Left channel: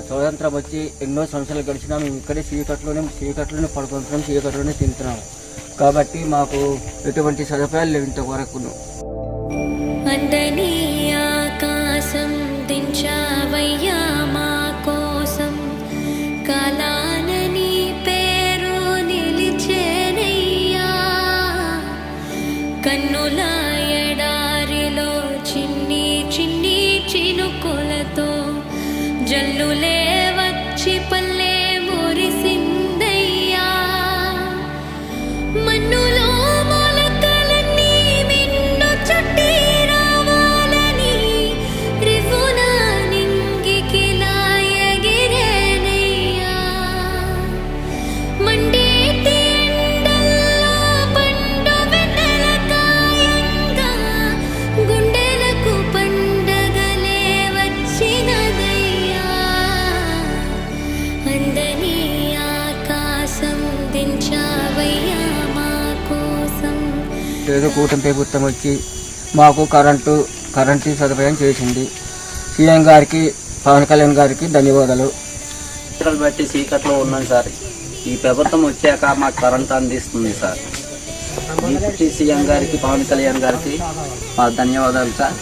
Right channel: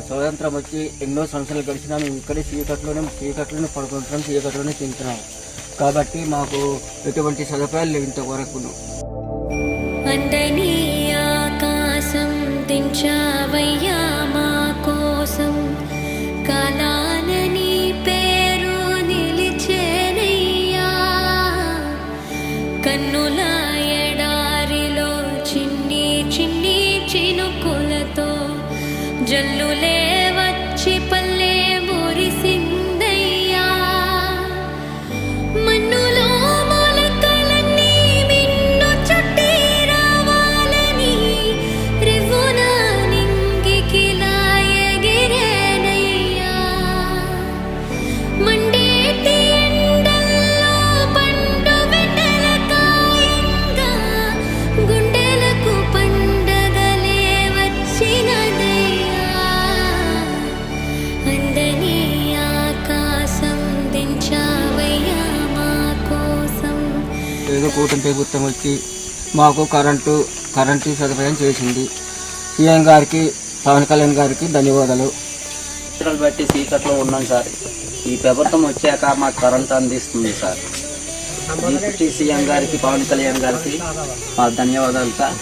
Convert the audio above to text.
స్వతంత్రం వచ్చి ఎన్నో సంవత్సరాలు గడిచినా మేము ఇక్కడే చీకట్లోనే చీకట్లోనే పడుకుంటున్నాం చీకట్లోనే తింటున్నాం. కాబట్టి మాకు ఎటువంటి సదుపాయాలు లేవు ఇంతవరకును. అందని ఆకాశం దించావయ్యా మా కోసం. కాలాన పేరు నిలిచేనయ్యా. కన్నుల ఎడారిలో చిన్ని చిన్ని చినుకులతో జల్లులే వచ్చి ఏదో కూటమి ప్రభుత్వం వచ్చి మాకు కరెంటు కరెంటు సదుపాయం చేసింది. సీఎం గారికి పవన్ కళ్యాణ్ గారికి ధన్యవాదాలు. బట్టి చీకట్లో ఉన్నాం సార్. ఈ ప్రభుత్వం వచ్చాక మాకు కరెంట్ అందిస్తుంది సార్. డిప్యూటీ సీఎం గారికి పవన్ కళ్యాణ్ గారికి మా ధన్యవాదాలు సార్.